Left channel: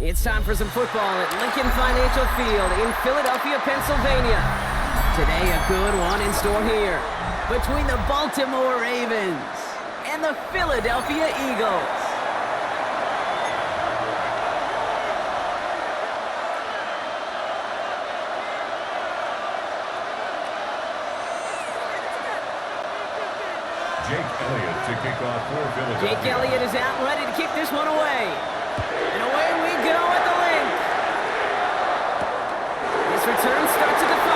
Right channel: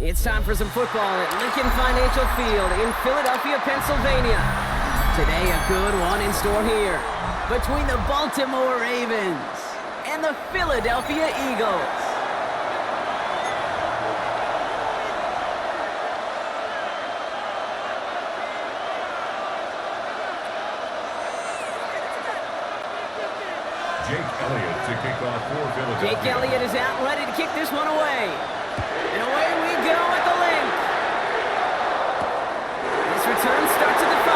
It's time for some football at Lincoln Financial Field in Philadelphia, Pennsylvania. Today, a good one in store here between the Baltimore Ravens and the Philadelphia Eagles. Jake Elliott to kick off for Philadelphia. Jake Elliott is out and ready to kick this one away. And away we go at the link. This return starts at the 5.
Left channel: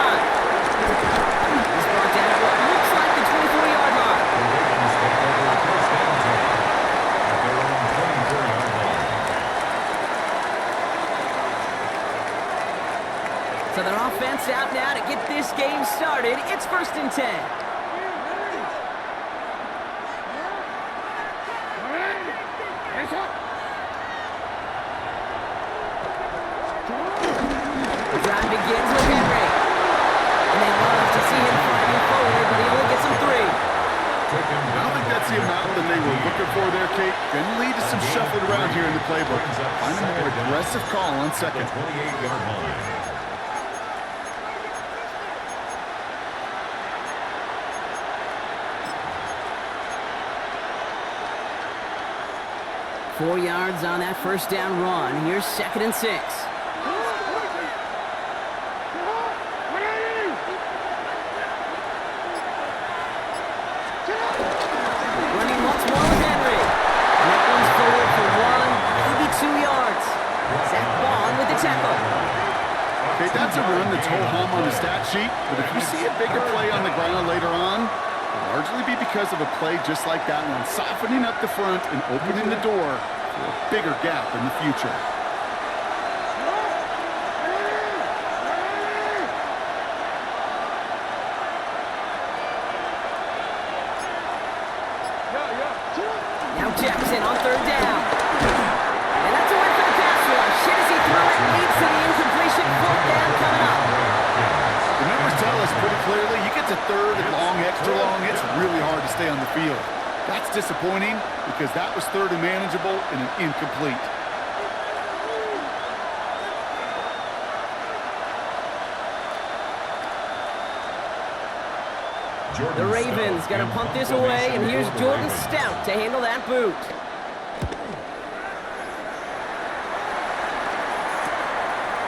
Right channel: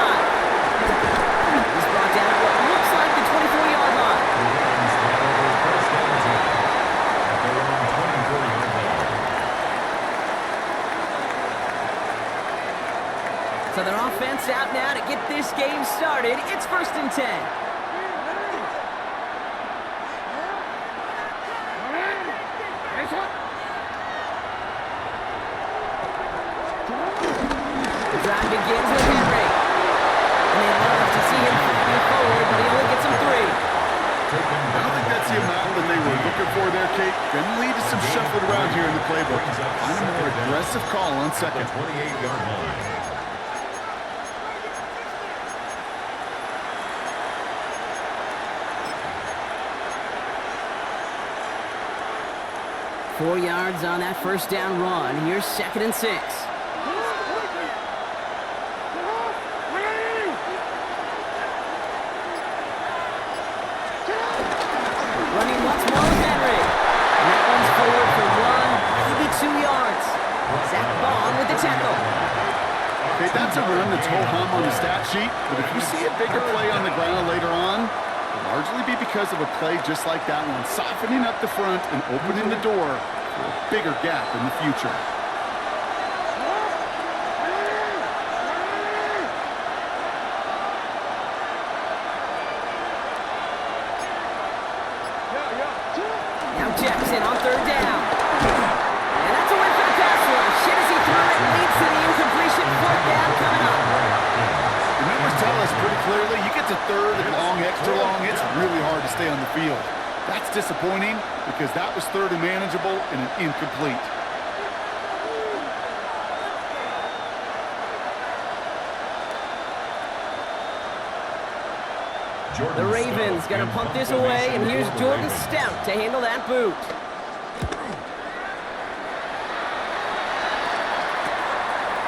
He's brought down at what looks like the 24-yard line. The Ravens take over first and 10 at their own 24-yard line. So their offense out now to get this game started. It's first and 10. The drive begins with Henry. And they love to see him fighting forward, but he only gets them 3. I don't think that's the amount that they were looking for there, Kate. Going to lead to some shuffling around here in the playbook. Find a more aggressive call on second. 28-yard line. Four yards on that first down run. Here's second and 6. Running once more with Henry. And that one's forward for 1, maybe 2 yards. Zach Bond with the tackle. Okay, that's a run that's ho-hum on the stat sheet, but if you see a bigger play on the ground later on, it'll largely be because of a play just like that one, softening up the front and opening the door for a bigger gap in the future. Now Jackson on third down. And that's a win for the pass rush. Shit as he threw it, leads to the incompletion. Fourth down coming up. The numbers tell us pretty clearly, you get to third and long, extra long, it's really hard to stay on the field. That's disappointing because that was third and manageable and an incomplete. The Ravens going to punt this away, and here's Jordan Stout to handle that boot.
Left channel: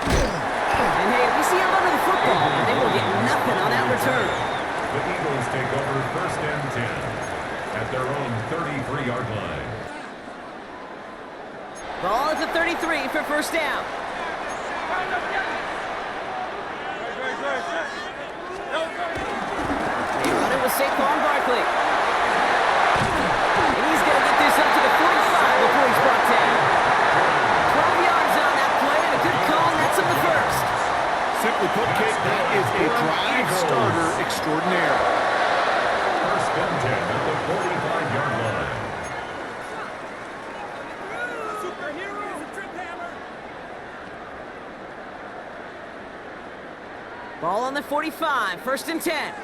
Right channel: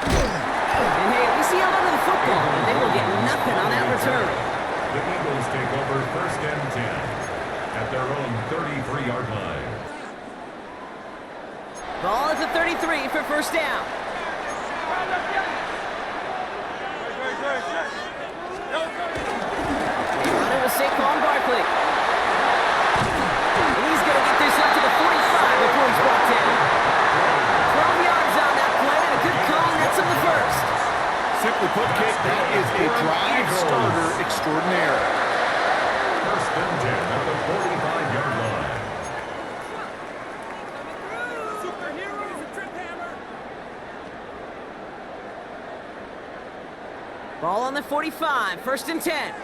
And hey, at least he held onto the football, and they will get nothing on that return. The Eagles take over first and 10 at their own 33-yard line. Ball at the 33 for first down. They run it with Saquon Barkley. And he's going to get this up to the 45 before he's brought down. 12 yards on that play, and a good call, and that's him the first. Simply put, Kate, that is a drive starter extraordinaire. First and 10 at the 45-yard line. Ball on the 45, first and 10.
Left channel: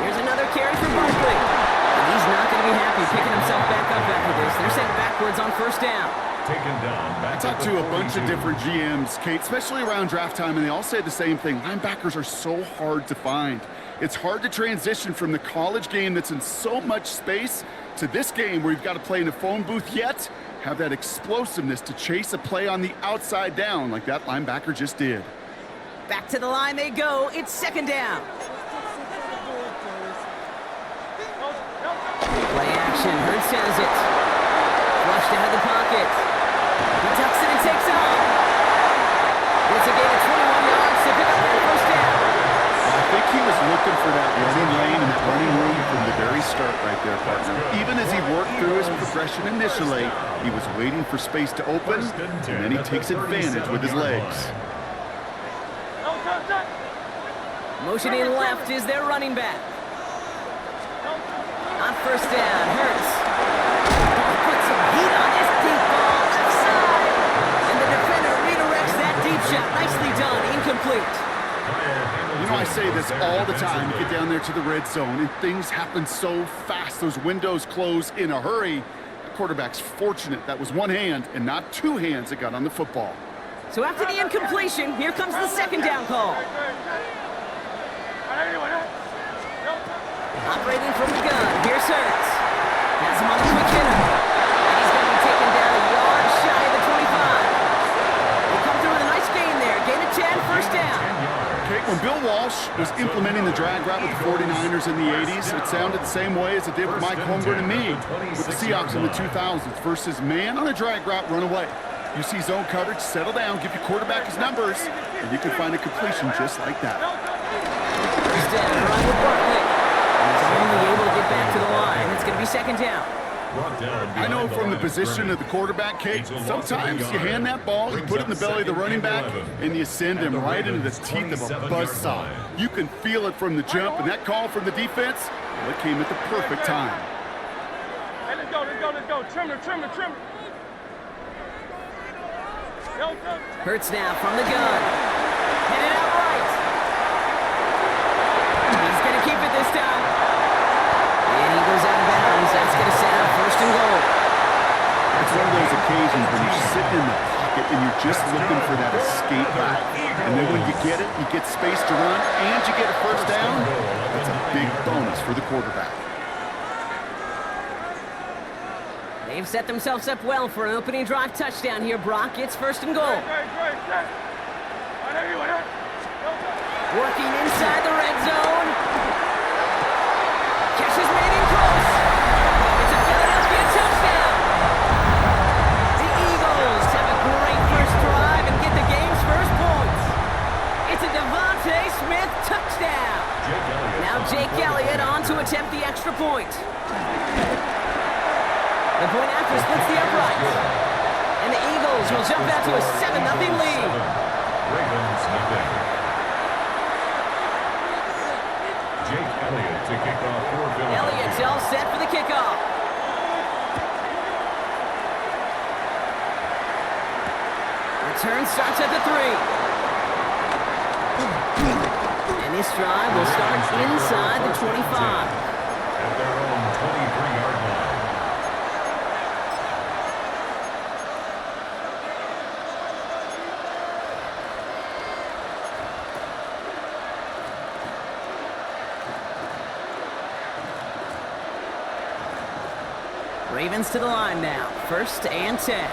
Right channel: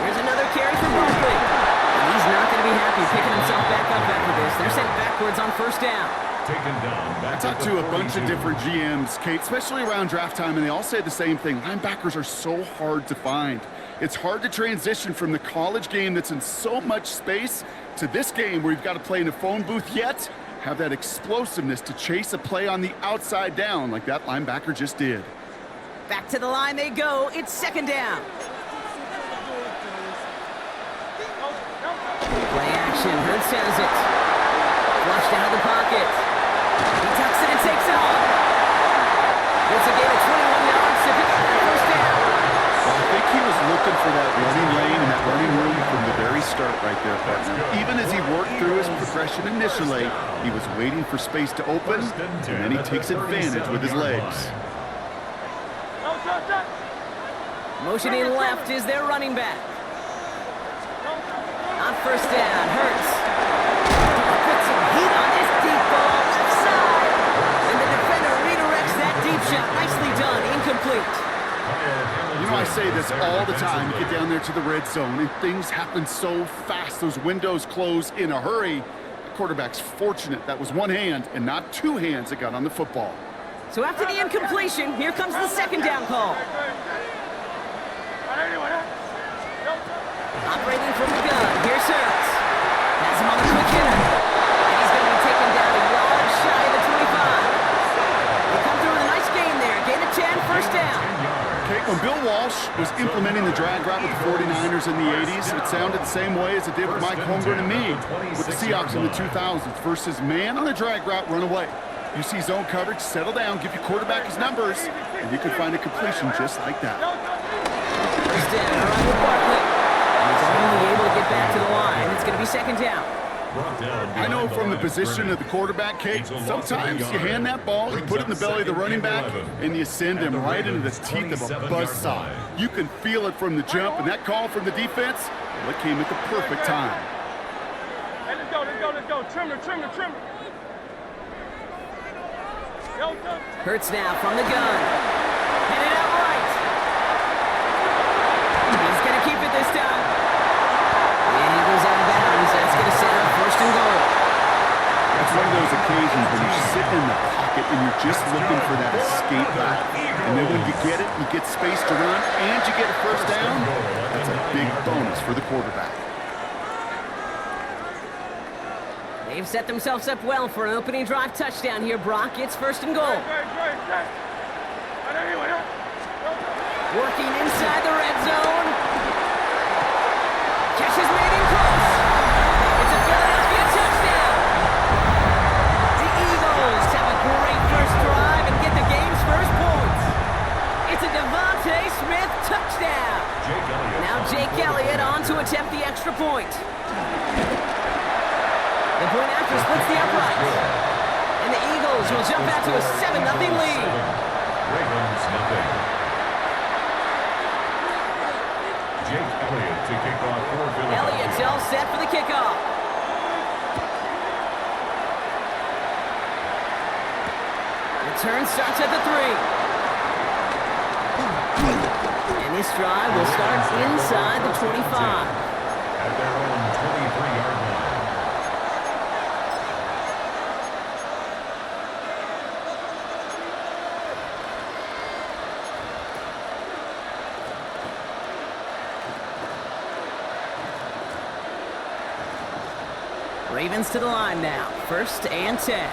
Here's another carry for Barkley. And he's not going to be happy picking himself back up after this. They're sent backwards on first down. Taken down. I talked to a bunch of different GMs, Kate, especially around draft time, and they all say the same thing. Linebackers are so hard to find. It's hard to transition from the college game that's in so much space to this game where you've got to play in a phone booth yet have that explosiveness to chase a play on the outside down like that linebacker just did. Back to the line they go. It's second down. Play action. Hurts has it. Flushed out of the pocket. He tucks it and takes off. It's a gain of 21 yards to pick up that first down. Well, I think he was looking for that running lane and that running room from the very start right there, partner. Even as he worked through his progression initially, he was waiting for space to open, and then he takes advantage with his legs. Motioning left is their running back. On first down, Hurts. Put some heat on this deep ball, left side. And the defender redirects that deep shot. Nicely done, incomplete. You know, I say this all the time. You get down there to the red zone, and things happen so fast. Those windows close in a hurry. The quarterback's fortunate that was one hand and not two hands that got on the football. So after the incompletion, here comes the second down call. Operating from the gun, here's Hurts. Has him on the quick hitter. And he's going to be taken down a yard shy of the 25. They come through with a nice gain there. Gain of 10, first down. Okay, when Bill Walsh was implementing the drag route with the 49ers in the 80s, it sounded the same way as it did with Mike Holmgren and me with the Seahawks in the 2000s versus man on a drag route, run away. You see zone coverage, settle down, give your quarterback his numbers, and you can find a completion just like that. First down, right with Barkley. And he's only able to get back to the line. It's going to be second down. I know from the position of the quarterback, Kate, sometimes you hand that ball, you put it in the belly of the running back, and you send him right into the teeth of a buzzsaw. You can feel it from the jump, and that call from the defense, well, it came at the perfect time. Hey, let's go. Trimmer. Hurts now from the gun. Headed out right. He's going to keep it this time. And he goes out of bounds. That's going to set up first and goal. It's one of those occasions when you sit in the pocket and you're just looking for that escape route. And then when you get it, you get space to run, and you get a first down. That's a big bonus for the quarterback. They've set themselves up well for an opening drive touchdown here, Brock. It's first and goal. Working inside the red zone. Catch is made in close. It's a Philadelphia touchdown. The Eagles have a great first drive and get the game's first points. It's a Devontae Smith touchdown. Now Jake Elliott on to attempt the extra point. The point after splits the uprights. And the Eagles will jump out to a 7-0 lead. Ravens nothing. Jake Elliott to kick off for Philadelphia. Elliott's all set for the kickoff. Return starts at the 3. And this drive will start inside the 25. At their own 23-yard line. Ravens to the line now. First and 10.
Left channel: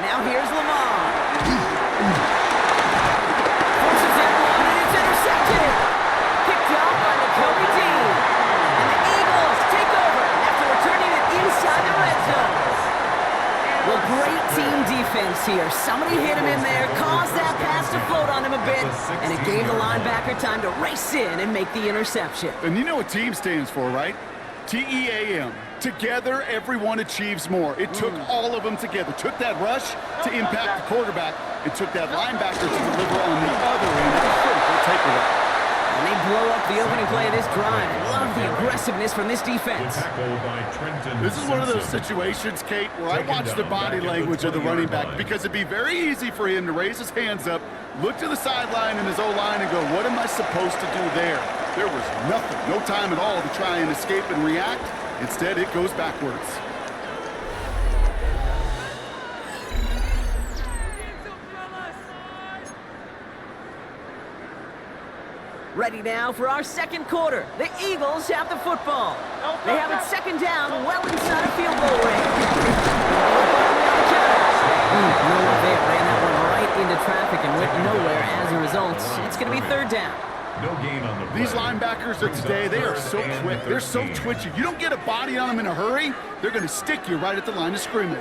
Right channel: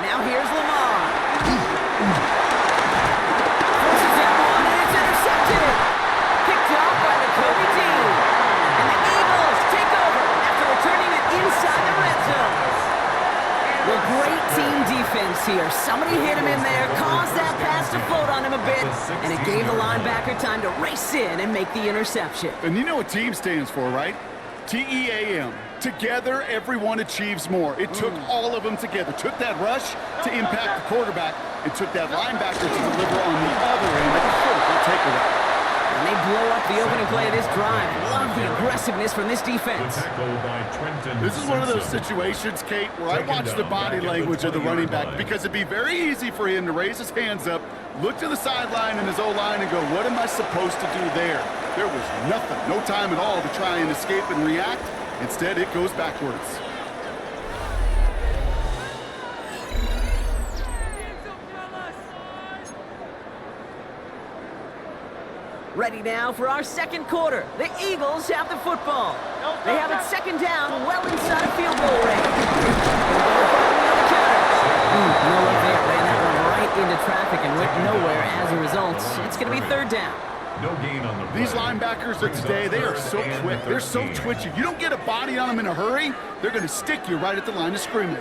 Now here's Lamar. Forces that one, and it's intercepted. Picked off by Nakobe Dean. And the Eagles take over after returning it inside the red zone. Well, great team defense here. Somebody hit him in there, caused that pass to float on him a bit, and it gave the linebacker time to race in and make the interception. And you know what team stands for, right? TEAM. Together, everyone achieves more. It took all of them together. Took that rush to impact the quarterback. It took that linebacker to deliver on the other end of a critical takeaway. And they blow up the opening play of this drive. Love the aggressiveness from this defense. This is one of those situations, Kate, where I watch the body language of the running back, because it'd be very easy for him to raise his hands up, look to the sideline in his O-line and go, what am I supposed to do there? There was nothing, no time at all to try and escape and react. Instead, it goes backwards. Ready now for our second quarter. The Eagles have the football. They have it second down, well inside a field goal range. Barkley on the counter. No luck there. Ran that one right into traffic and went nowhere as a result. It's going to be third down. No gain on the play. These linebackers of today, they are so quick. They're so twitchy. You don't get a body on them in a hurry, they're going to stick you right at the line of scrimmage.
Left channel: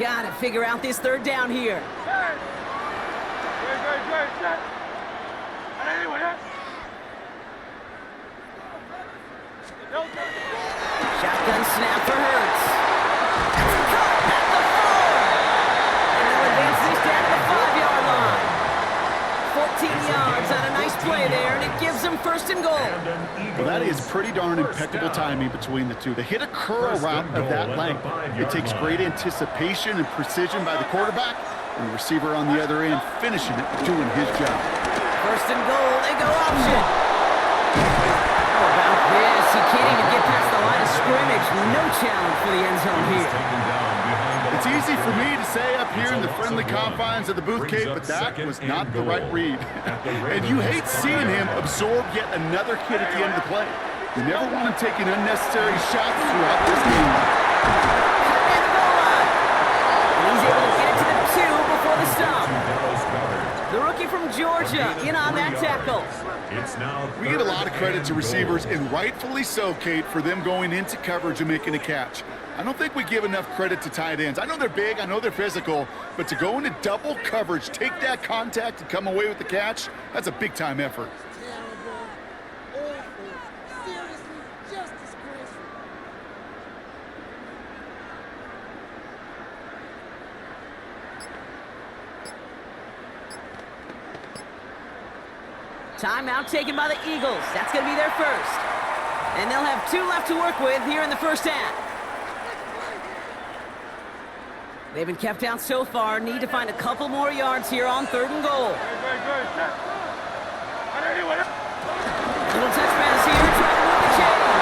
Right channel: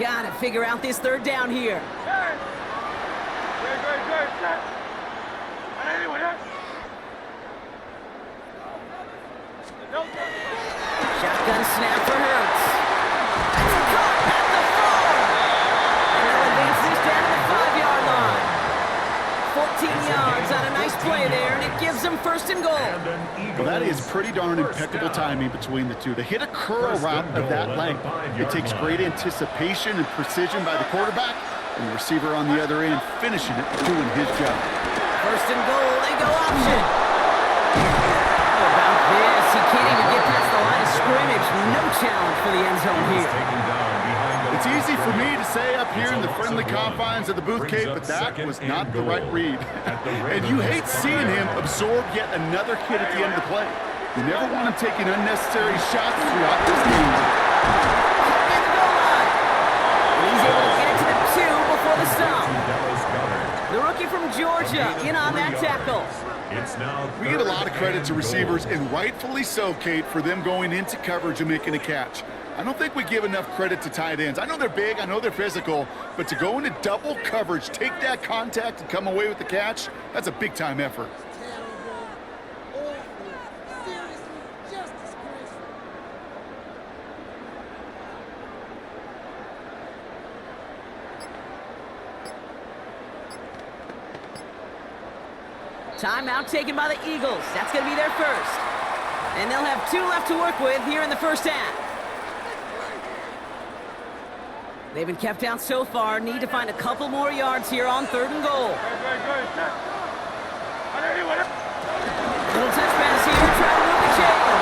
Got to figure out this third down here. Shotgun snap for Hurts. That's caught at the 4. And they'll advance this down to the 5-yard line. play there, and it gives them first and goal. Well, that is pretty darn impeccable timing between the two. To hit a curl route of that length, it takes great anticipation and precision by the quarterback, and the receiver on the other end finishing it, doing his job. First and goal, they go option. How about this? He can't even get past the line of scrimmage. No challenge for the end zone here. It's easy for me to say up here in the friendly confines of the booth, Kate, but that was not the right read. And you hate seeing him absorb yet another hit at the end of the play. You never want him taking unnecessary shots throughout this game. And the goal line. And he's able to get it to the 2 before the stop. The rookie from Georgia in on that tackle. We give a lot of credit to receivers, and rightfully so, Kate, for them going into coverage and making a catch. I don't think we give enough credit to tight ends. I know they're big, I know they're physical, but to go into double coverage, take that contact, and come away with the catch, that's a big-time effort. Terrible, awful, seriously, just disgraceful. Timeout taken by the Eagles. That's going to be their first. And they'll have 2 left to work with here in the first half. They've been kept out so far. Need to find a couple more yards here on 3rd and goal. Little touch pass here, trying to move the chains.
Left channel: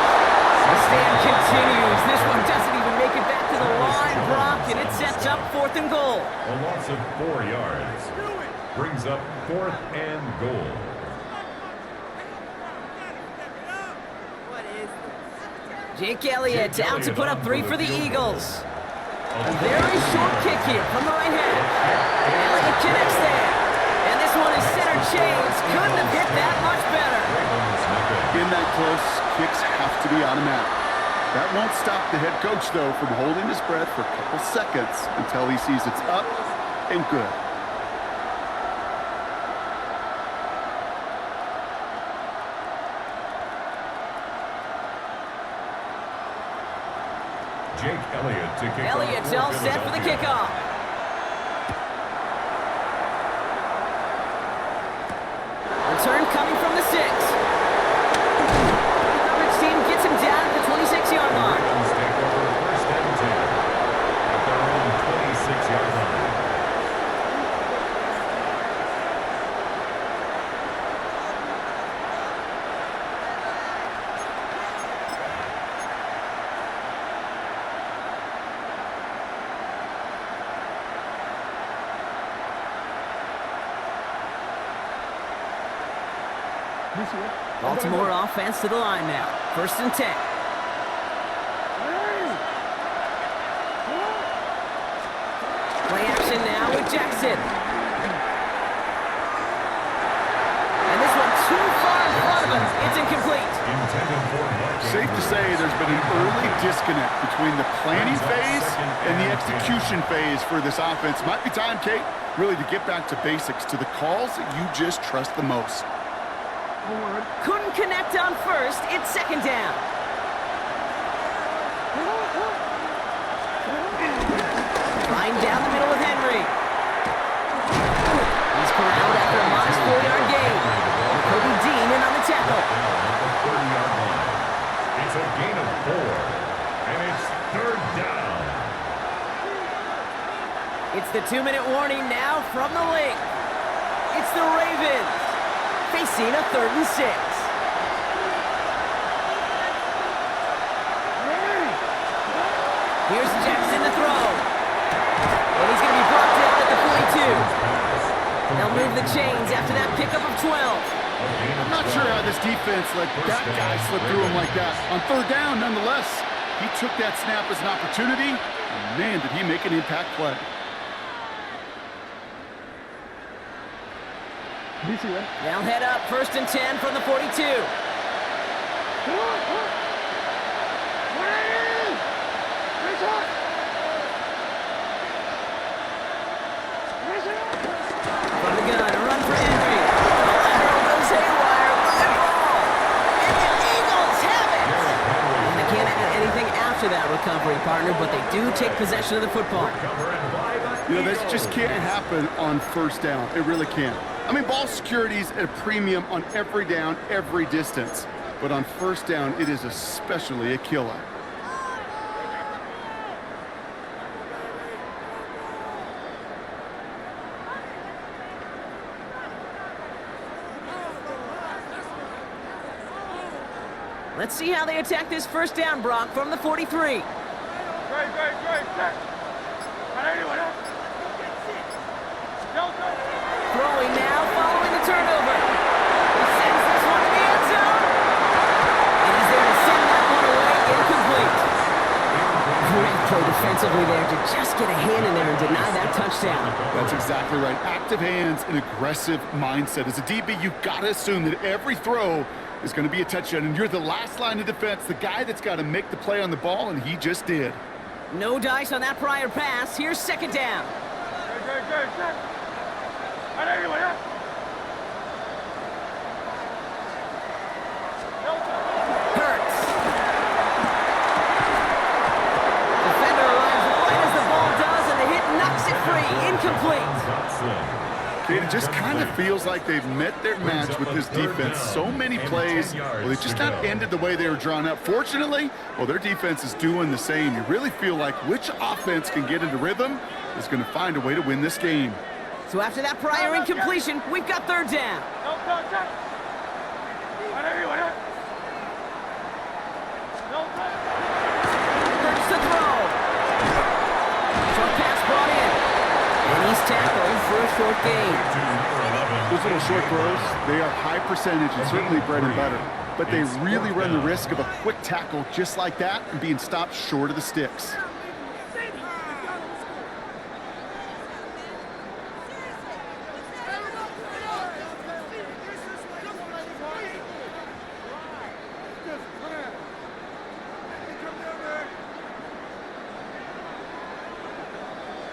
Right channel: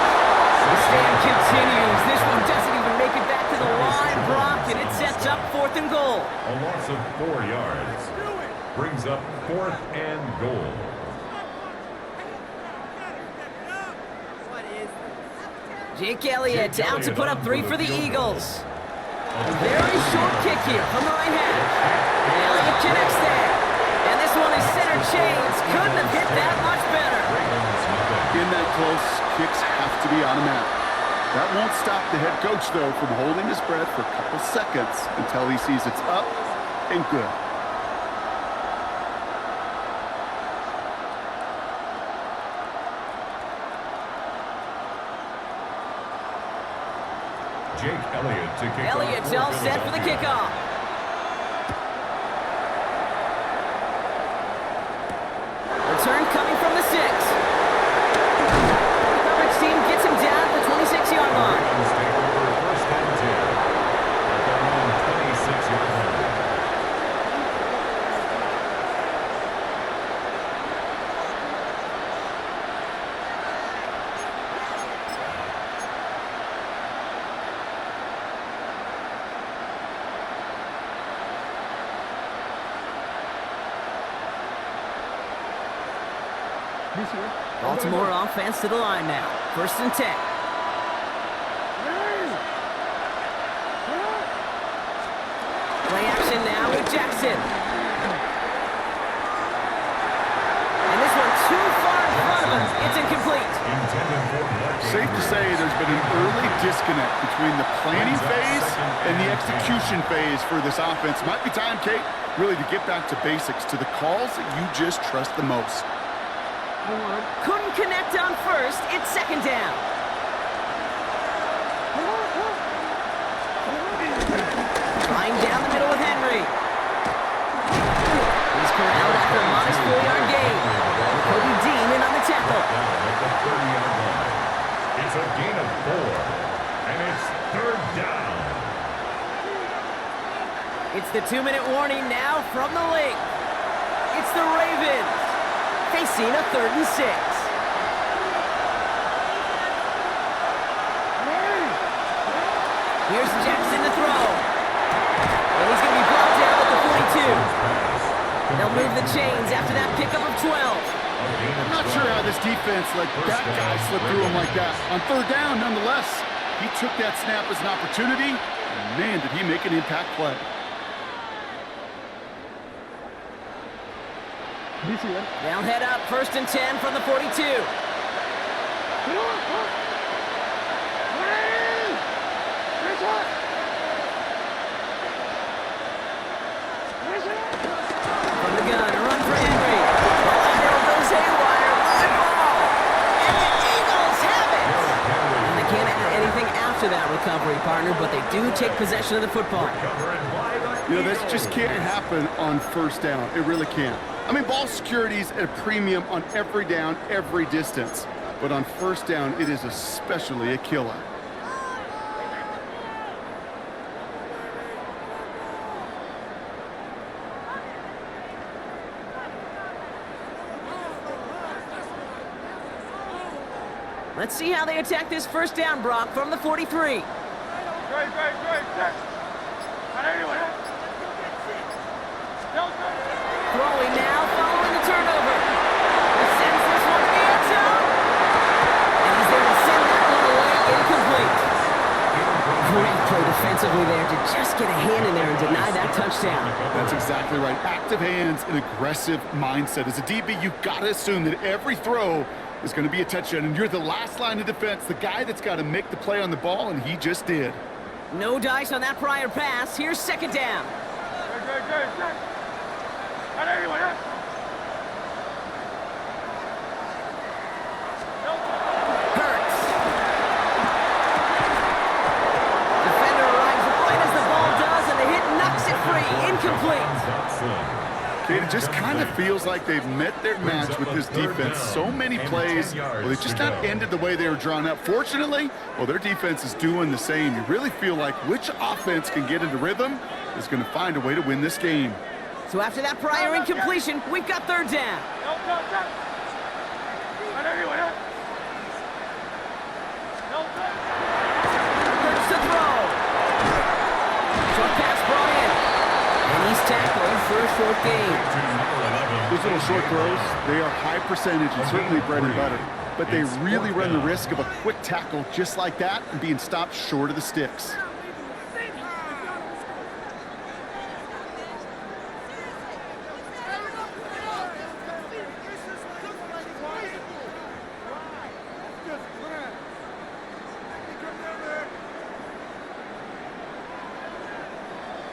The stand continues. This one doesn't even make it back to the line, Brock, and it sets up 4th and goal. A loss of 4 yards brings up 4th and goal. Jake Elliott out to put up 3 for the Eagles. A very short kick here from the right hash. Elliott connects there. And this one is center chains. Couldn't have hit that much better. In that close, kicks have to be automatic. That won't stop the head coach, though, from holding his breath for a couple seconds until he sees it's up and good. Jake Elliott to kick Elliott's all set for the kickoff. Return coming from the 6. The coverage team gets him down at the 26-yard line. Ravens take over 1st and 10 at their own 26-yard line. Baltimore offense to the line now. 1st and 10. Play action now with Jackson. And this one too far in front of him. It's incomplete. Safe to say there's been an early disconnect between the planning phase and the execution phase for this offense. Might be time, Kate, really to get back to basics, to the calls that you just trust the most. Couldn't connect on 1st. It's 2nd down. Trying down the middle with Henry. He's corralled after a modest 4-yard gain. Cody Dean in on the tackle. Down at the 30-yard line. It's a gain of 4, and it's 3rd down. It's the 2-minute warning now from the link. It's the Ravens facing a 3rd and 6. Here's Jackson to throw. And he's going to be brought down at the 42. They'll move the chains after that pickup of 12. I'm not sure how this defense let that guy slip through him like that. On 3rd down, nonetheless, he took that snap as an opportunity, and man, did he make an impact play. They'll head up 1st and 10 from the 42. From the gun, a run for Henry. The lateral goes haywire, live ball. And the Eagles have it. And they can't add anything after that recovery, partner, but they do take possession of the football. You know, this just can't happen on 1st down. It really can't. I mean, ball security is at a premium on every down, every distance. But on first down, it is especially a killer. Let's see how they attack this first down, Brock, from the 43. Great. Set. Throwing now, following the turnover. He sends this one to the end zone. And he's there to send that one away, incomplete. Great play defensively there to just get a hand in there and deny that touchdown. That's exactly right. Active hands and aggressive mindset. As a DB, you've got to assume that every throw is going to be a touchdown, and you're the last line of defense, the guy that's got to make the play on the ball, and he just did. No dice on that prior pass. Here's second down. Great. Set. Hurts. Defender arrives right as the ball does, and the hit knocks it free. Incomplete. It just kind of feels like they've met their match with this defense. So many plays, well, they just not ended the way they were drawn up. Fortunately, well, their defense is doing the same. You really feel like which offense can get into rhythm is going to find a way to win this game. So after that prior incompletion, we've got third down. Hurts to throw. Short pass brought in. And he's tackled for a short gain. Those little short throws, they are high percentage and certainly bread and butter. But they really run the risk of a quick tackle just like that and being stopped short of the sticks.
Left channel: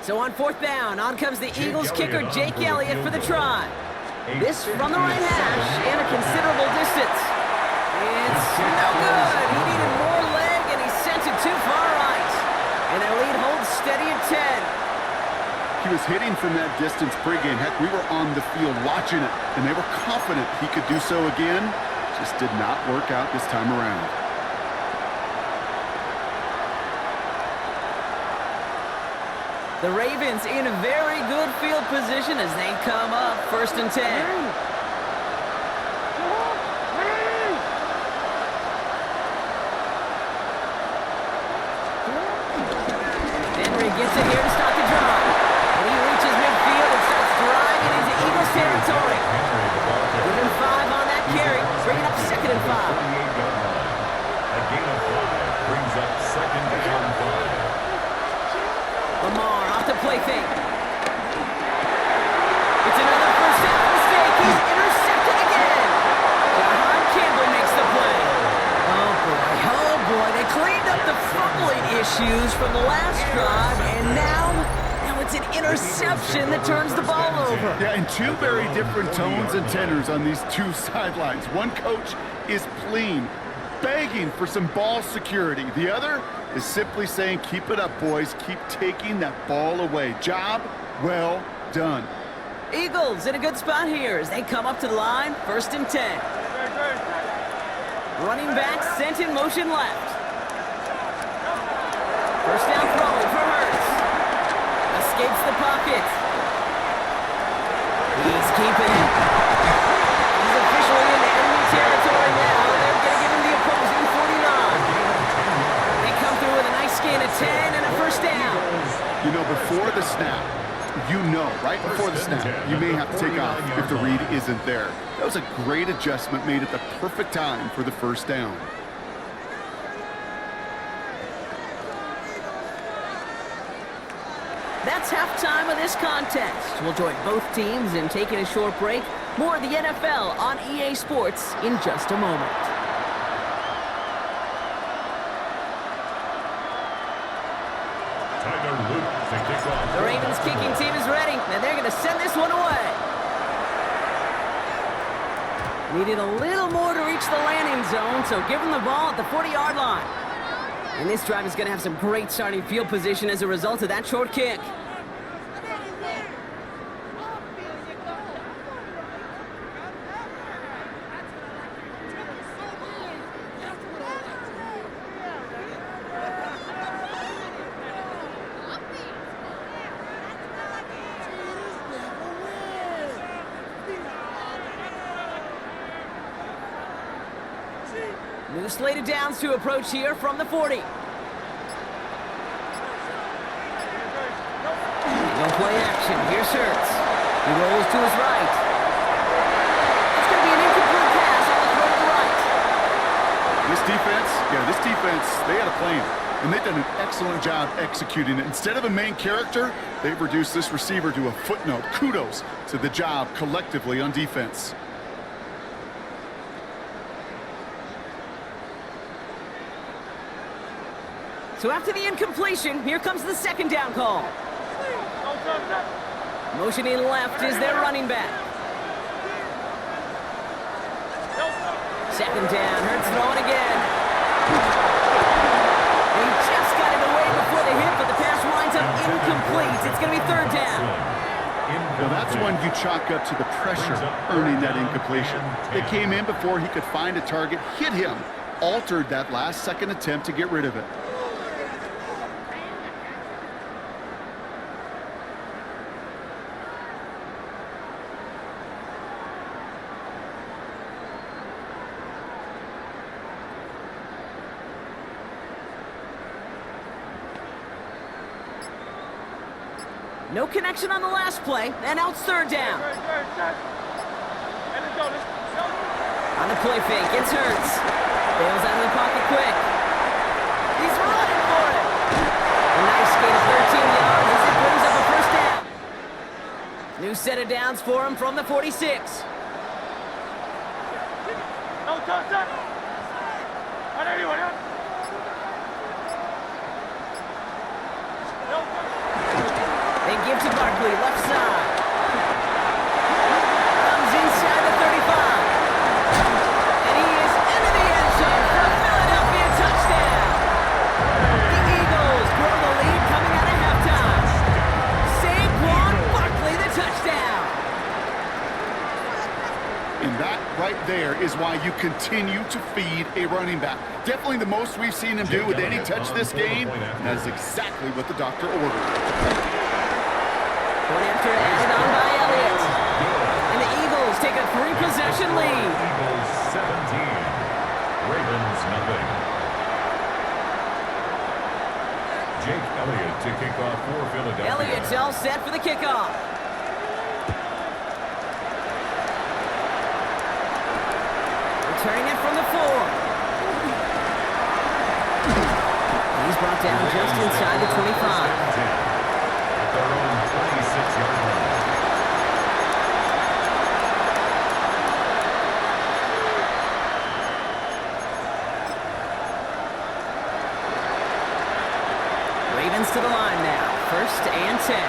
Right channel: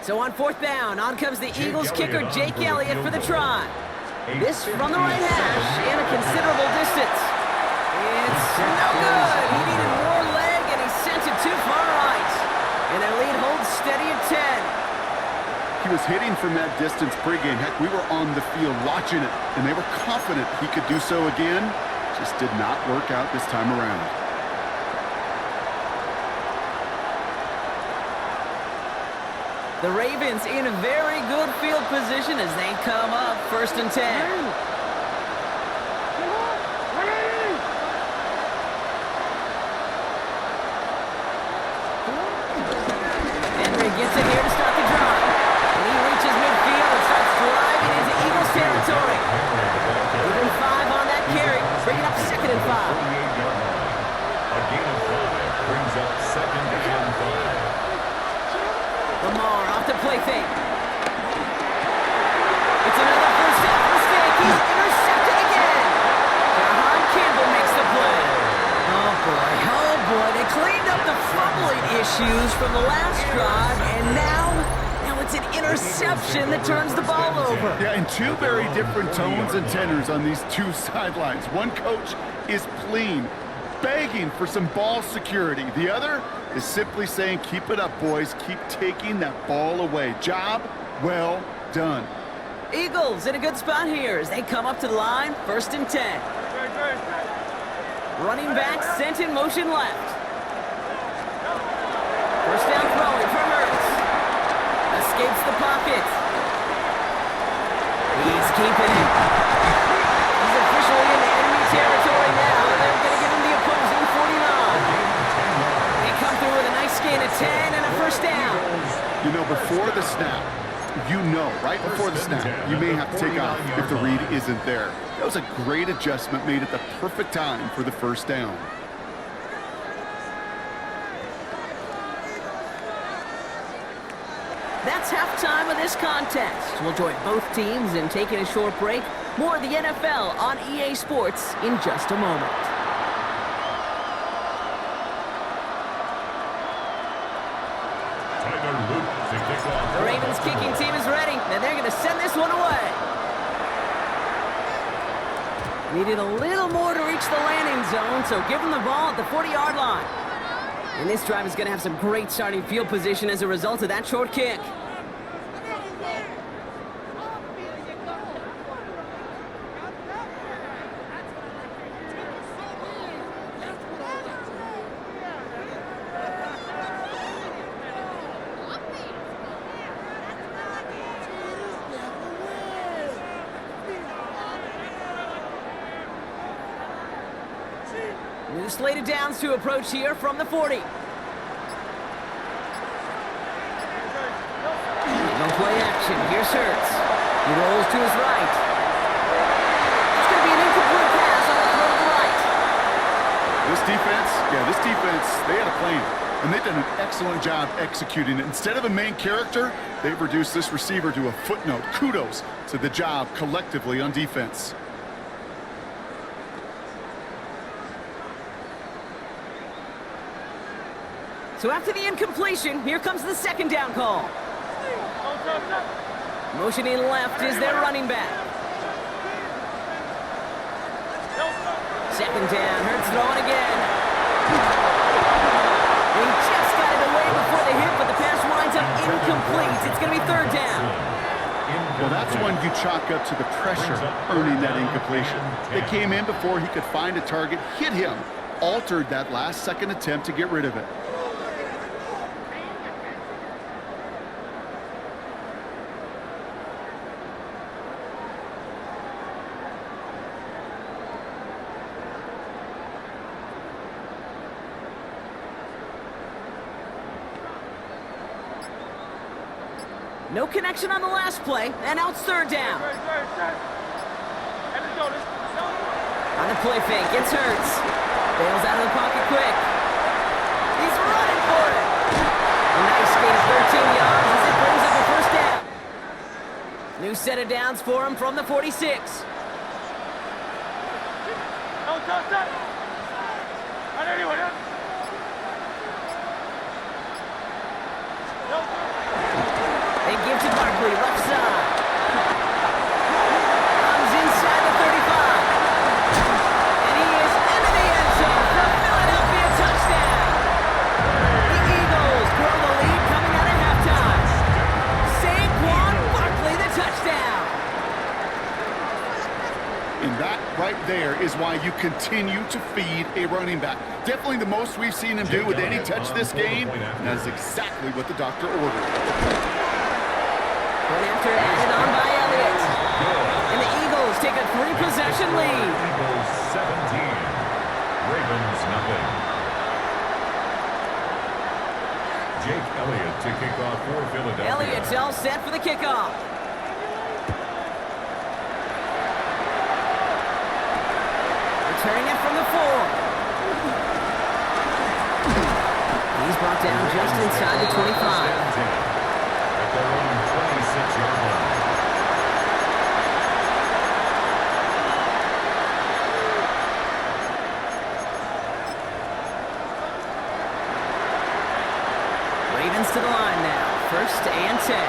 So on fourth down, on comes the Eagles kicker, Jake Elliott, for the try. This from the right hash and a considerable distance. It's no good. He needed more leg, and he sent it too far right. And their lead holds steady at 10. He was hitting from that distance pregame. Heck, we were on the field watching it, and they were confident he could do so again. Just did not work out this time around. The Ravens in a very good field position as they come up first and 10. Henry gets it here to start the drive. And he reaches midfield and starts driving into Eagles territory. Give him 5 on that carry, bringing up second and 5. A gain of 5 brings up second and 5. Lamar off the play fake. It's another first half mistake. He's intercepted again. Jahan Campbell makes the play. Oh boy. They cleaned up the fumbling issues from the last drive, and now it's an interception that turns the ball over. Yeah, and two very different tones and tenors on these two sidelines. One coach is pleading, begging for some ball security. The other is simply saying, keep it up, boys. Keep taking that ball away. Job well done. Eagles in a good spot here as they come up to the line, first and 10. Running back sent in motion left. First down throwing for Hurts. Escapes the pocket. He's keeping it. He's officially in enemy territory now, and they're going to give him the opposing 49. They come through with a nice gain of 10 and a first down. You know, before the snap, right before the snap, you may have to take off if the read isn't there. That was a great adjustment made at the perfect time for the first down. That's halftime of this contest. We'll join both teams in taking a short break. More of the NFL on EA Sports in just a moment. The Ravens kicking team is ready, and they're going to send this one away. Needed a little more to reach the landing zone, so give them the ball at the 40-yard line. And this drive is going to have some great starting field position as a result of that short kick. New slated downs to approach here from the 40. No play action. Here's Hurts. He rolls to his right. It's going to be an incomplete pass on the throw to the right. This defense, they had a plan. And they've done an excellent job executing it. Instead of a main character, they've reduced this receiver to a footnote. Kudos to the job collectively on defense. So after the incompletion, here comes the second down call. Motioning left is their running back. Second down, Hurts throwing again. He just got it away before the hit, but the pass winds up incomplete. It's going to be third down. Well, that's one you chalk up to the pressure earning that incompletion. They came in before he could find a target, hit him, altered that last second attempt to get rid of it. No connection on the last play, and now it's third down. On the play fake, it's Hurts. Bails out of the pocket quick. He's running for it. A nice gain of 13 yards as it brings up a first down. New set of downs for him from the 46. No touch that. On anyone, huh? No touch. They give to Barkley, left side. Comes inside the 35. And he is into the end zone for a Philadelphia touchdown. The Eagles grow the lead coming out of halftime. Saquon Barkley, the touchdown. And that right there is why you continue to feed a running back. Definitely the most we've seen him do with any touch this game. And that is exactly what the doctor ordered. One after added on by Elliott. And the Eagles take a 3-possession lead. Eagles 17, Ravens nothing. Jake Elliott to kick off for Philadelphia. Elliott's all set for the kickoff. Returning it from the 4. He's brought down just inside the 25. At their own 26-yard line. Ravens to the line now. First and 10.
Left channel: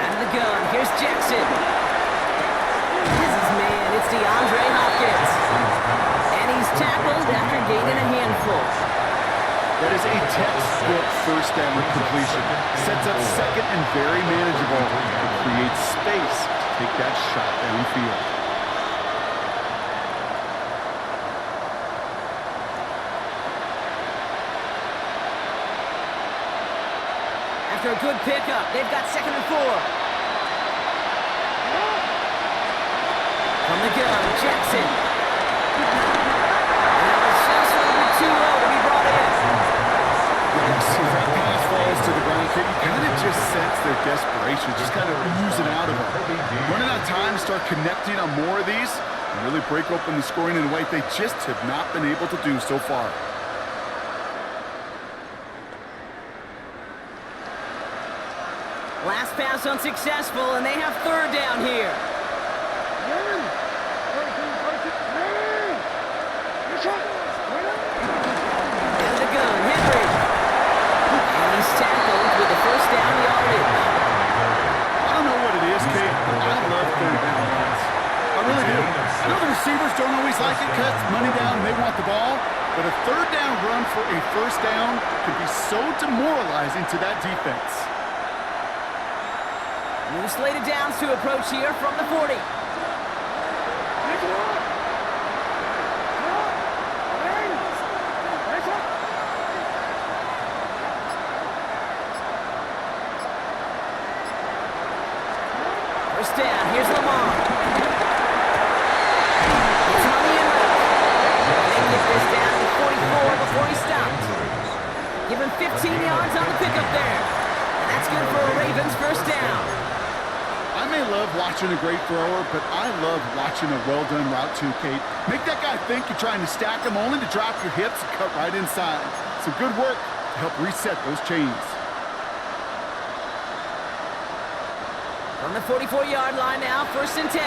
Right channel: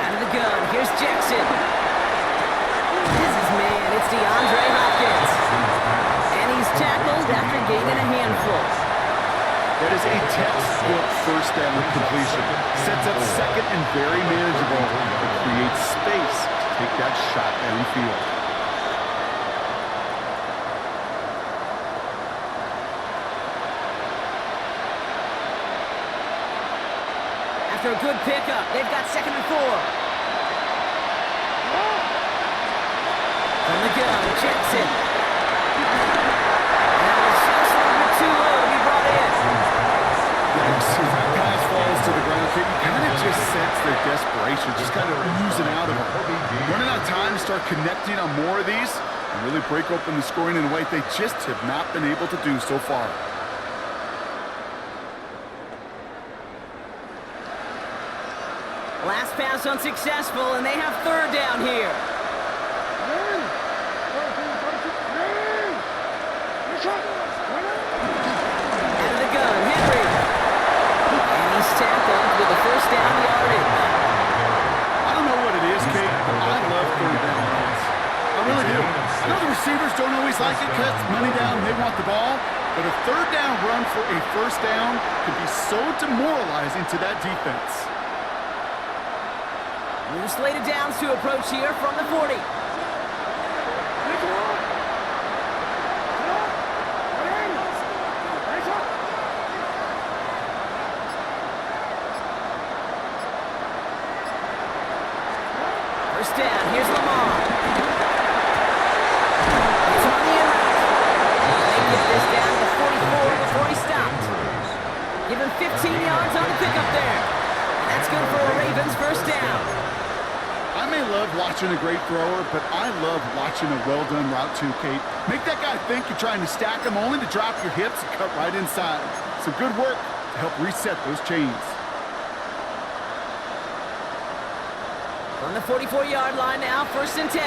Out of the gun. Here's Jackson. It's DeAndre Hopkins. And he's tackled after gaining a handful. That is a textbook first down completion. Sets up second and very manageable. It creates space to take that shot downfield. After a good pickup, they've got second and 4. From the gun, Jackson. That was just a little bit too low to be brought in. As that pass falls to the ground, you kind of just sense their desperation, just kind of oozing out of them. Running out of time to start connecting on more of these and really break open the scoring in a way they just have not been able to do so far. Last pass unsuccessful, and they have third down here. Out of the gun, Henry. And he's tackled with the first down yardage. I don't know what it is, Kate, but I love third down runs. I really do. I know the receivers don't always like it because it's money down and they want the ball, but a third down run for a first down can be so demoralizing to that defense. New slated downs to approach here from the 40. First down, here's Lamar. He's on the in route. They get this down to 44 before he stopped. Give him 15 yards on the pickup there. And that's good for a Ravens first down. I may love watching a great thrower, but I love watching a well-done route too, Kate. Make that guy think you're trying to stack him only to drop your hips and cut right inside. Some good work to help reset those chains. From the 44-yard line now, first and 10.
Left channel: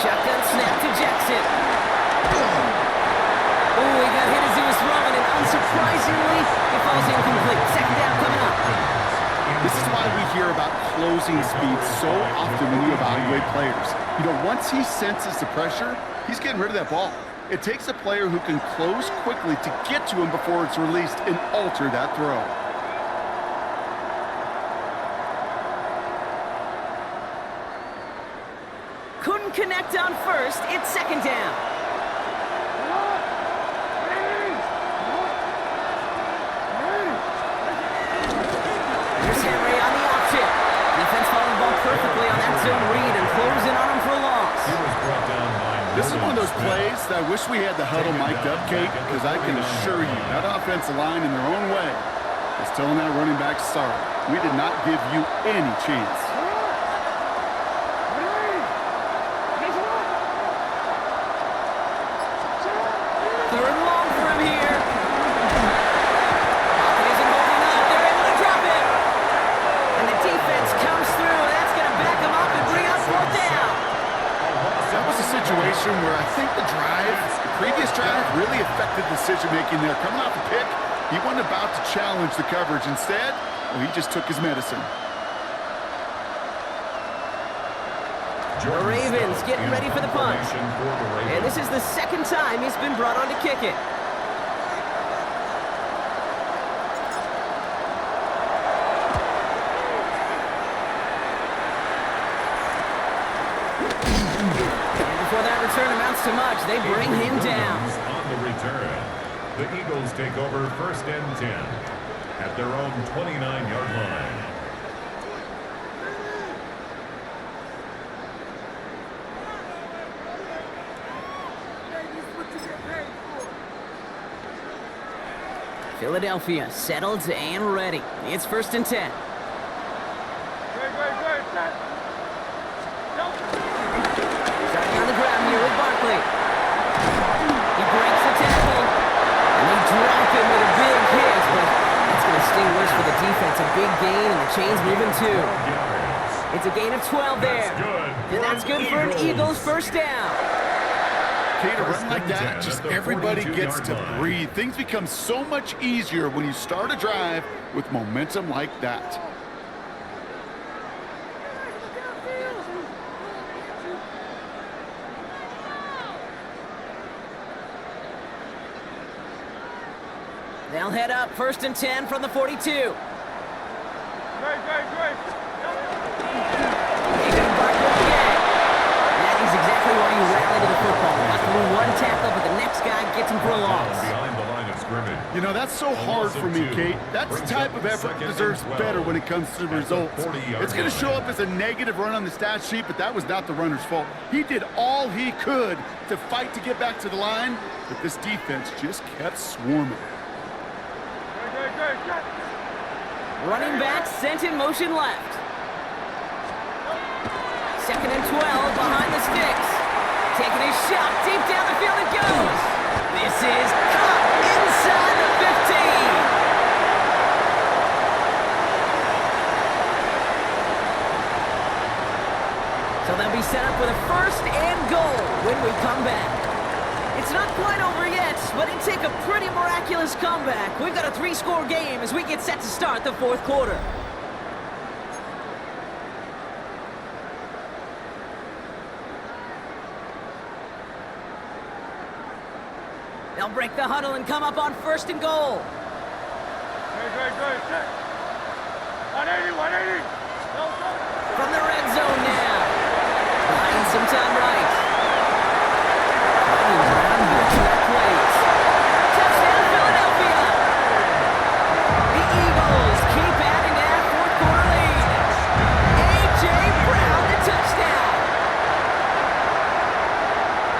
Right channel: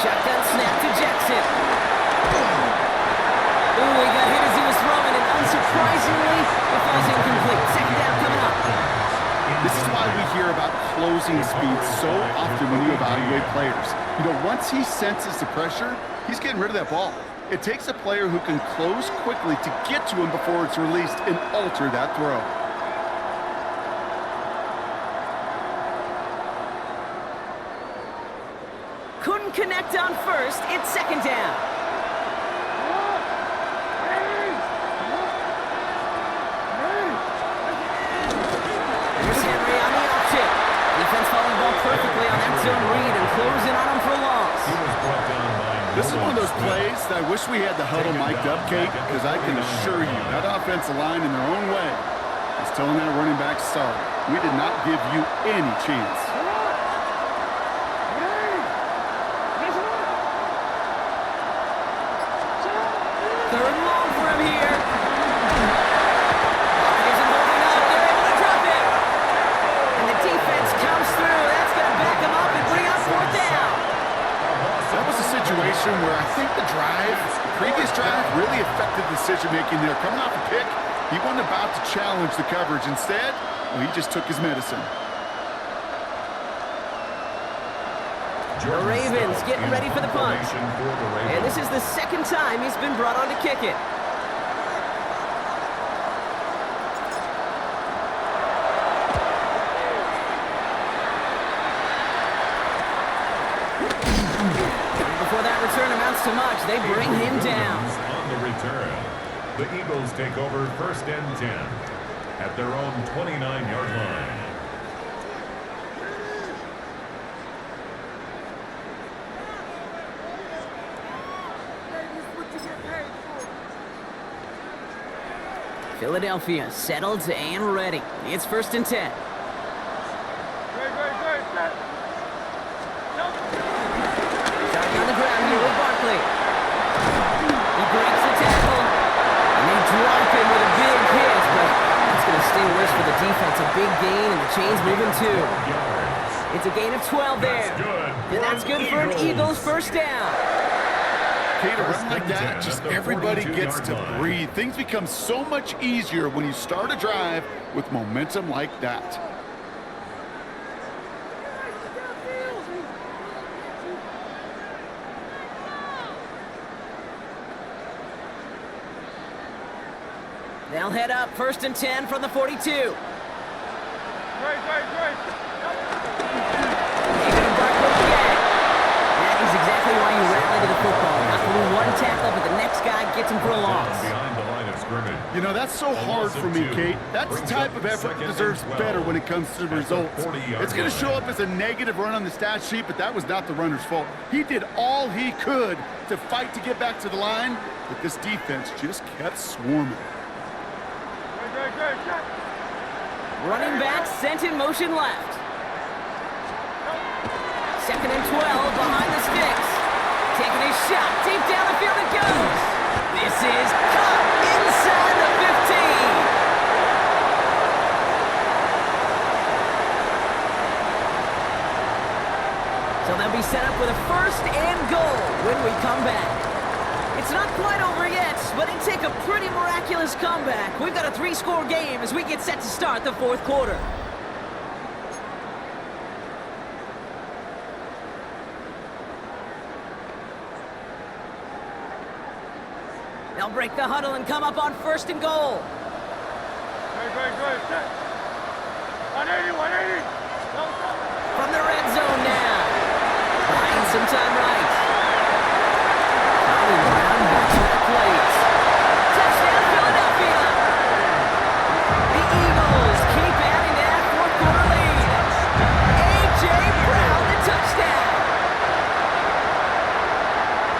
Shotgun snap to Jackson. Ooh, he got hit as he was throwing, and unsurprisingly, it falls incomplete. Second down coming up. This is why we hear about closing speed so often when you evaluate players. You know, once he senses the pressure, he's getting rid of that ball. It takes a player who can close quickly to get to him before it's released and alter that throw. Couldn't connect on first. It's second down. Here's Henry on the option. Defense following the ball perfectly on that zone read and closing on him for a loss. He was brought down by This is one of those plays that I wish we had the huddle mic'd up, Kate, because I can assure you that offensive line in their own way is telling that running back, sorry, we did not give you any chance. Third and long for him here. Pocket isn't holding up. They're able to drop it. And the defense comes through. That's going to back him up and bring up fourth down. That was a situation where I think the previous drive really affected decision-making there. Coming off a pick, he wasn't about to challenge the coverage. Instead, well, he just took his medicine. The Ravens getting ready for the punch. And this is the second time he's been brought on to kick it. And before that return amounts to much, they bring him down. On the return, the Eagles take over first and 10 at their own 29-yard line. Philadelphia settled and ready. It's first and 10. Great, set. Starting on the ground here with Barkley. He breaks the tackle. And they drop him with a big hit, but it's going to sting worse for the defense. A big gain, and the chain's moving too. It's a gain of 12 there. And that's good for an Eagles first down. Kate, a run like that, just everybody gets to breathe. Things become so much easier when you start a drive with momentum like that. They'll head up first and 10 from the 42. Great. They're going to Barkley again. That is exactly why you rally to the football. Got through one tackle, but the next guy gets him for a loss. Behind the line of scrimmage. You know, that's so hard for me, Kate. That's the type of effort that deserves better when it comes to the results. It's going to show up as a negative run on the stat sheet, but that was not the runner's fault. He did all he could to fight to get back to the line, but this defense just kept swarming. Great. Running back sent in motion left. Second and 12 behind the sticks. Taking a shot deep down the field it goes. This is caught inside the 15. So they'll be set up with a first and goal when we come back. It's not quite over yet, but it take a pretty miraculous comeback. We've got a 3-score game as we get set to start the fourth quarter. They'll break the huddle and come up on first and goal. Great, set. 180. Go. From the red zone now. Buying some time right. Finding ground here, track plays. Touchdown, Philadelphia!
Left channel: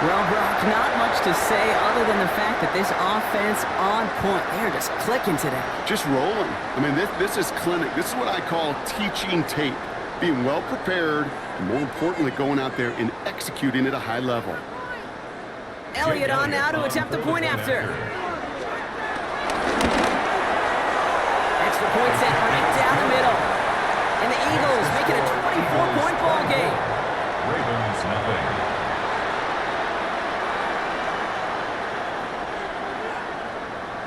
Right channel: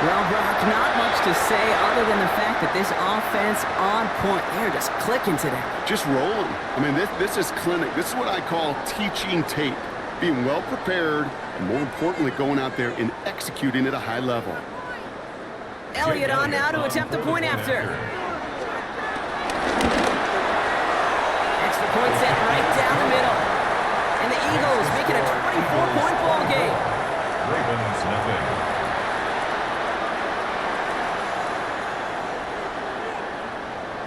Well, Brock, not much to say other than the fact that this offense on point. They're just clicking today. Just rolling. I mean, this is clinic. This is what I call teaching tape. Being well prepared, and more importantly, going out there and executing at a high level. Elliott on now to attempt the point after. Extra point set right down the middle. And the Eagles make it a 24-point ball game. Ravens nothing.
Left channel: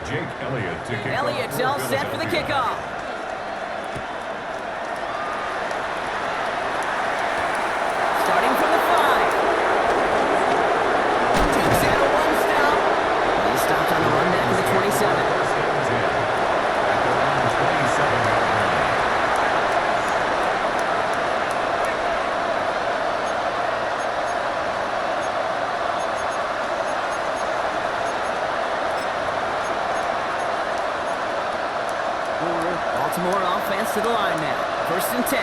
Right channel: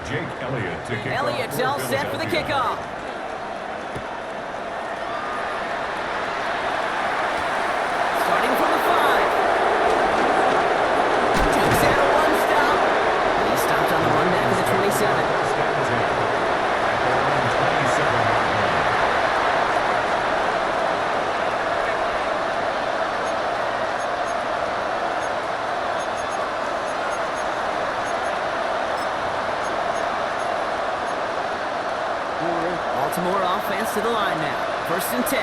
Jake Elliott to kick off. Elliott's all set for the kickoff. Starting from the 5. Duke's at a one-stop. He stopped on the run back to the 27. First and 10 at their own 27-yard line. Baltimore offense to the line now. First and 10.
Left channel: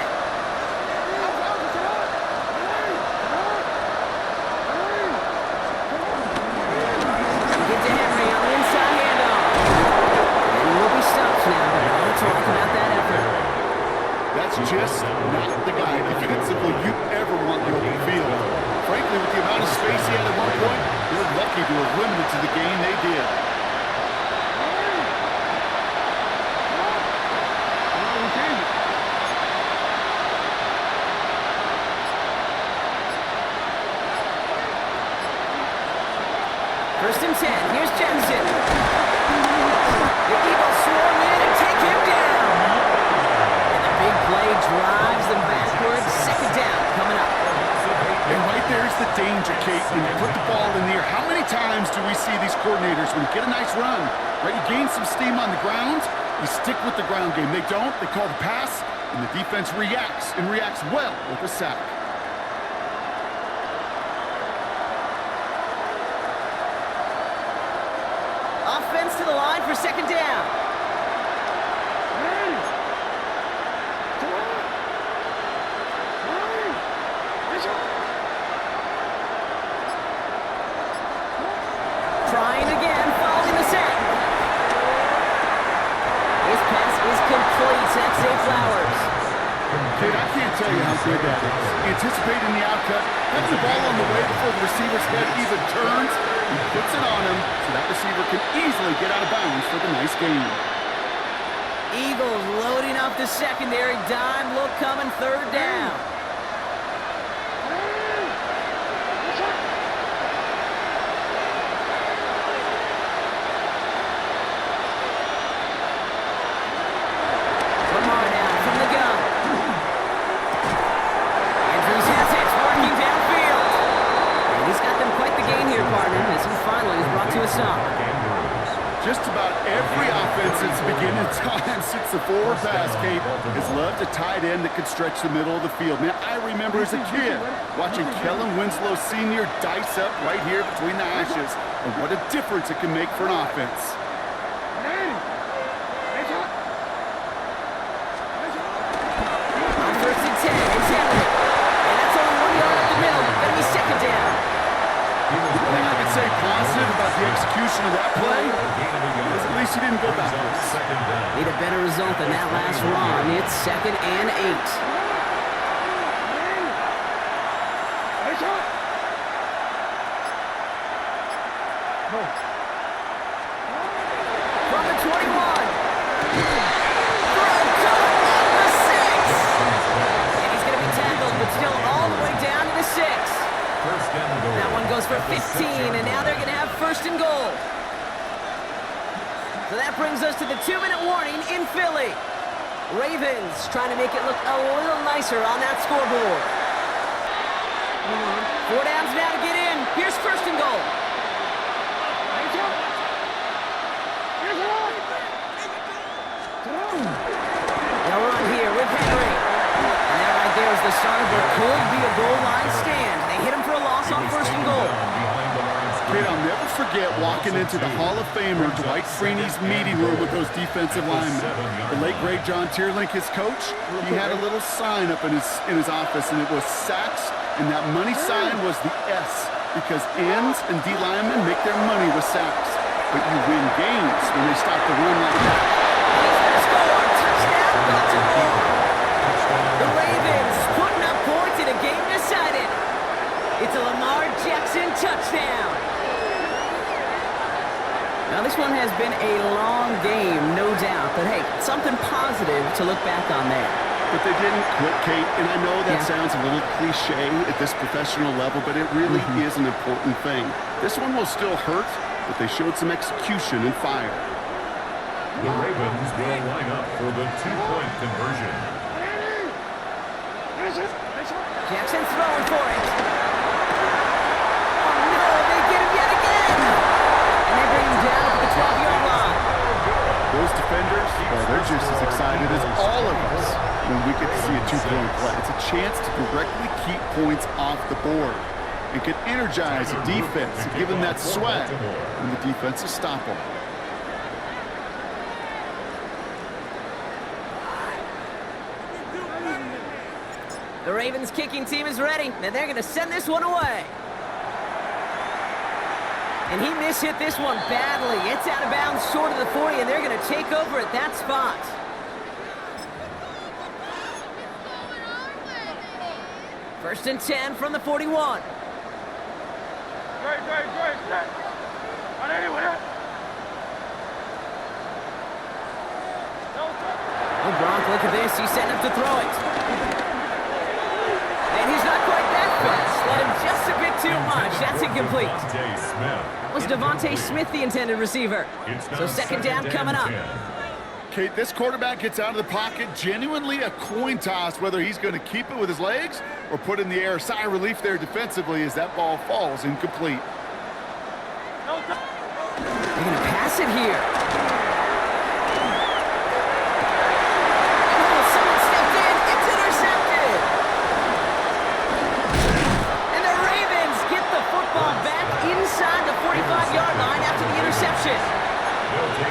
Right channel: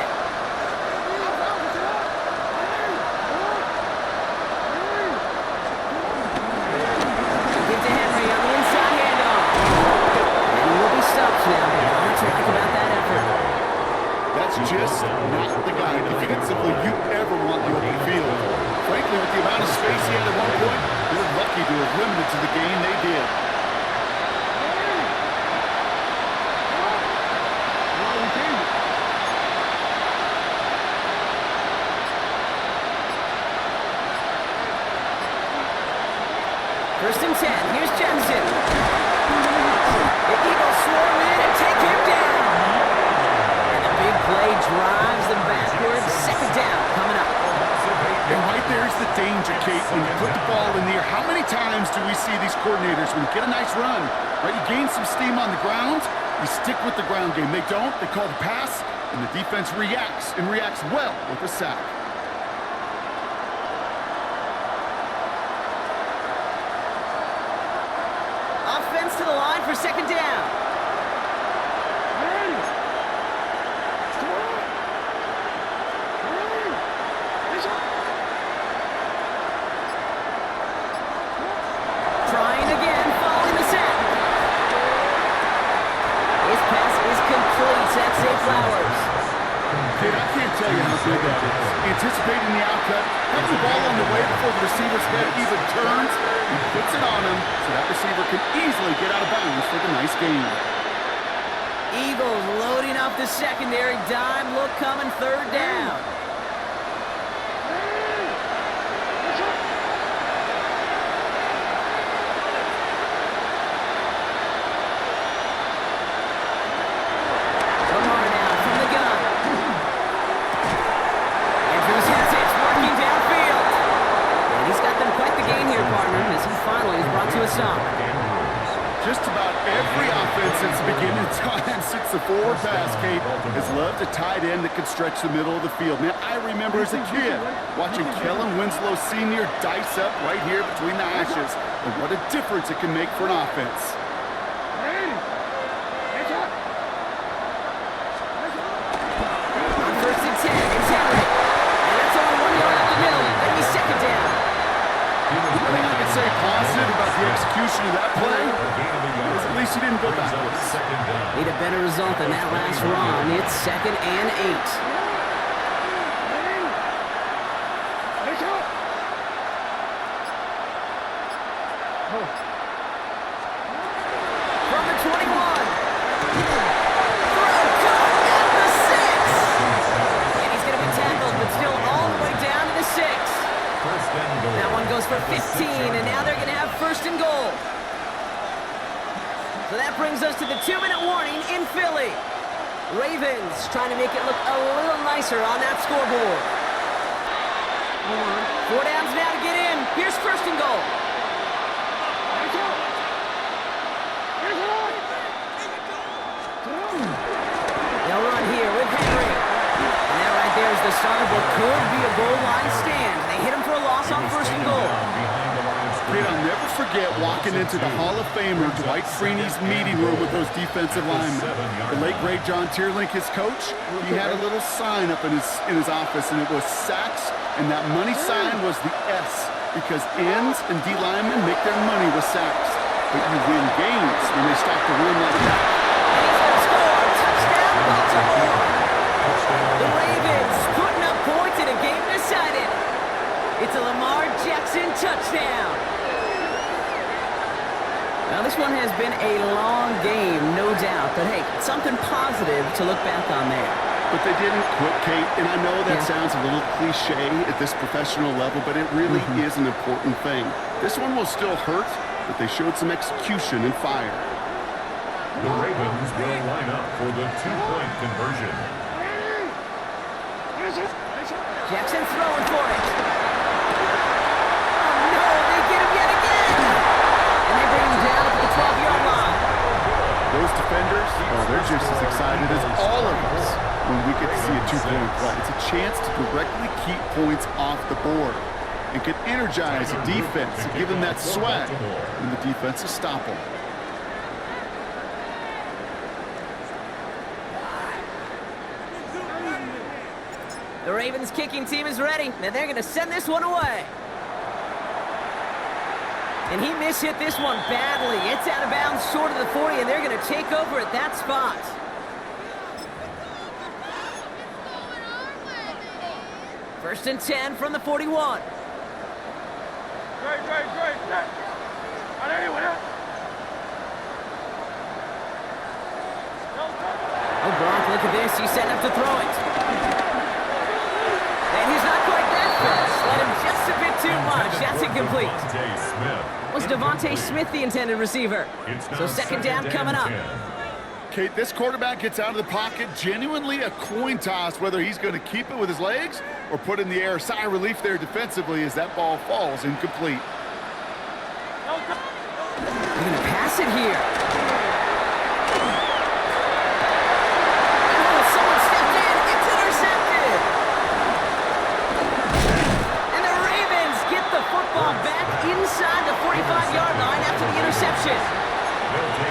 Get to Henry on the inside handoff. And he will be stopped now, but not much to like about that effort. That's just not the guy defensively you ever want in the open field. Frankly, with the amount of space he had at one point, they're lucky to have limited to the game they did. First and 10. Here's Jackson. The Eagles swarm in and take him down. And the big play drives them backwards. Second down coming up. And right there's the danger, Kate, when you put the ball in the air. How many times do we see these coordinators, when you get a nice run, right, you gain some steam on the ground, you stick with the ground game. They don't. They call the pass, and the defense reacts, and reacts well with a sack. Offense to the line for second down. Trying again, following the sack. His pass is complete. That's Zay Flowers. Kate, I can't tell you how good that is. Anticipating the outcut, having the ball on the way before the receiver's head even turns, he puts it on him so that receiver can easily get out of bounds for the nice gain. Eagles loading up the secondary. Dime look coming, third down. Lamar now from the gun. Andrews has it, working downfield. And he's got them quite the gain here, partner, as he finally is brought to a stop. Just about every offense since the beginning of time, since the forward pass, Kate, has loved a tight end that could stretch the middle of the field. Man, I remember as a kid watching Kellen Winslow Sr. dice up right here between the hashes, and what a difference it can make for an offense. On first and 10, it's Henry. And that's only 1 yard up the middle. Gonna be second down. The thing I can say positive about the execution of that play is at least he didn't go backwards. Need a better result than that last run. It's second and 8. From the 21. Throw caught at the 6. And he's going to be tackled, but still all the way down to the 6. First and goal. That one goes for 15, and now they're going to have first and goal. So that brings us to the 2-minute warning in Philly. Ravens trying to make it look a little nicer on that scoreboard. 4 downs now to get in. Here's first and goal. They'll run here with Henry. And that right there is the start of what could be a goal line stand. They hit him for a loss on first and goal. Kate, I'll never forget walking into the Hall of Famer Dwight Freeney's meeting room with those defensive linemen. The late, great John Tierlink, his coach, he had a little sign up in his office, and it was sacks, and that money sign was the S because ends and D linemen make their money with sacks. But you win games when they stop the run like that. He's going to score. Touchdown, Baltimore. The Ravens putting up points in a game decided. It's a Lamar Jackson touchdown. Now, this one has been a long game, no doubt. But, hey, something positive to look back on there. But they didn't quit, Kate, and I know that sounds a little cliche at this professional level, but it really is an important thing. This one will still hurt, but they showed some execution and fire. The Ravens will line up for the two-point conversion. Jackson throwing for it. Oh, no, they get him yet again. And they bring him down at the 12-yard line. Those defenders, well, they're just as excited as all of us when we get to see a two-point play. It's a chance to directly keep points off the board and can energize the defense and give them that swag when the defenses stop them. The Ravens kicking team is ready, and they're going to send this one away. And he mishit this one badly. It's out of bounds short of the 40, and they're going to take over at that spot. First and 10 from the 41. Great. Oh, Gronk, look at this. He's setting up to throw it. And he's not quite that fast. Let him just a bit too much. That's incomplete. Was Devontae Smith the intended receiver? So second down coming up. Kate, this quarterback gets out of the pocket, genuinely a coin toss whether he's going to keep it with his legs or put in the air. Sigh of relief there defensively as that ball falls incomplete. They're going to pass it here. Oh, someone stepped in. It's intercepted. And the Ravens get the football back inside the 45-yard line after the interception.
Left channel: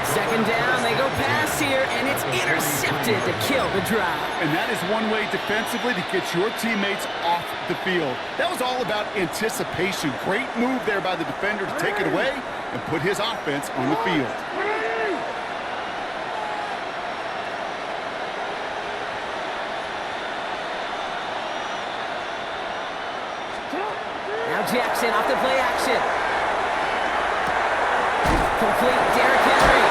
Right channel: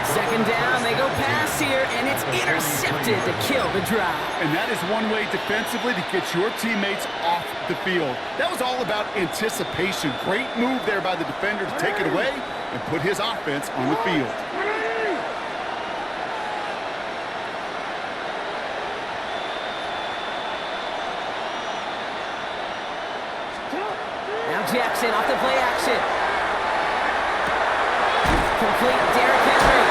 Second down, they go pass here, and it's intercepted to kill the drive. And that is one way defensively to get your teammates off the field. That was all about anticipation. Great move there by the defender to take it away and put his offense on the field. Now Jackson off the play action. Complete Derrick Henry.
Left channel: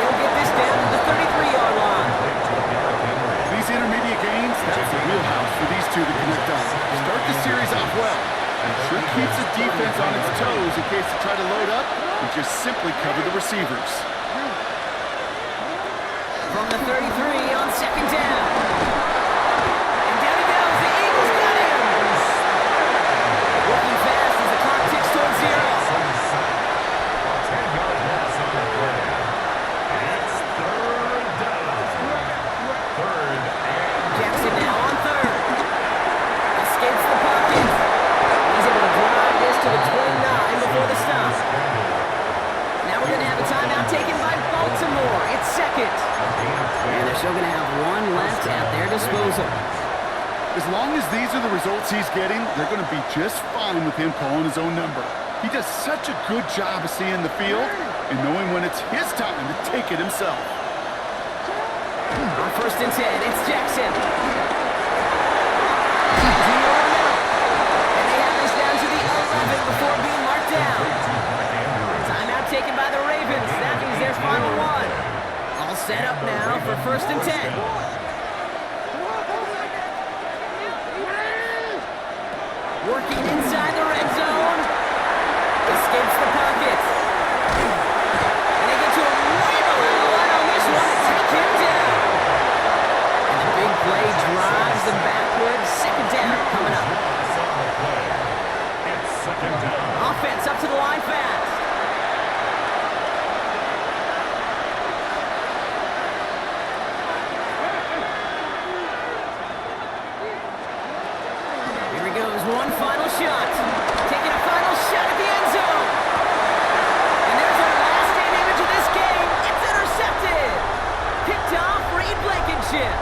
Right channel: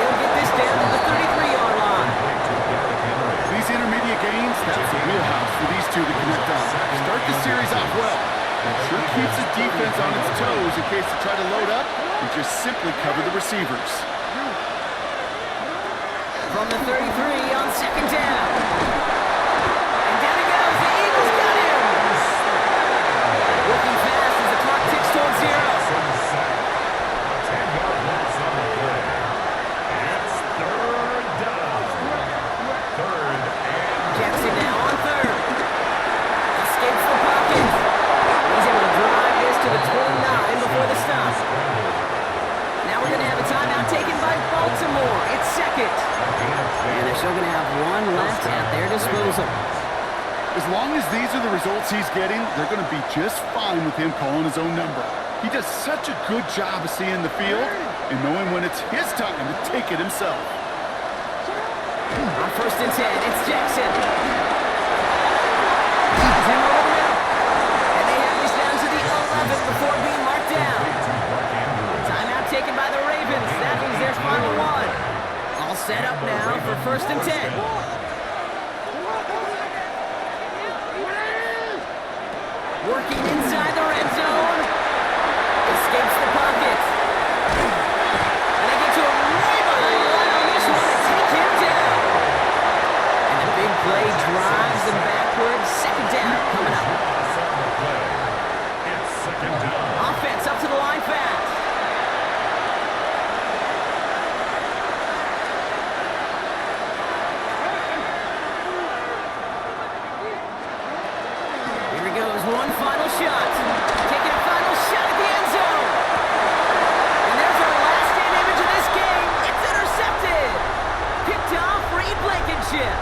He'll get this down to the 33-yard line. These intermediate games, that's the wheelhouse for these two to connect on. Start the series off well. It sure keeps the defense on its toes in case they try to load up and just simply cover the receivers. From the 33 on second down. And down he goes. The Eagles got him. Working fast as the clock ticks towards zero. 10-yard loss on the play. It's third down. Third and Jackson now on third. Escapes the pocket. He's able to drive this to the 29 before the stop. Now we're going to have a timeout taken by Baltimore. It's second. And they're still going to have one left at their disposal. As long as these are the results he's getting, they're going to be just fine with him calling his own number. He does such a good job of seeing the field and knowing when it's his time to take it himself. On first and 10, it's Jackson. Zoom over the middle. And they have this down to the 11 before being marked down. Timeout taken by the Ravens. That means their final one. All set up now for first and 10. Working inside the red zone. Escapes the pocket. And they get to him way behind the line on this one and take him down. And the big play drives them backwards. Second down coming up. it's second down. Offense up to the line fast. Here he goes, one final shot. Taking a final shot at the end zone. And there's our last game image of this game. It's intercepted. Picked off Reed Blankenship.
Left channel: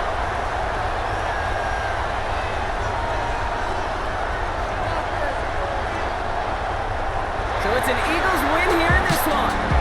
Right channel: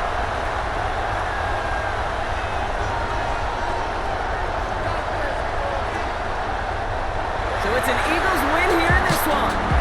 Got this. So it's an Eagles win here in this one.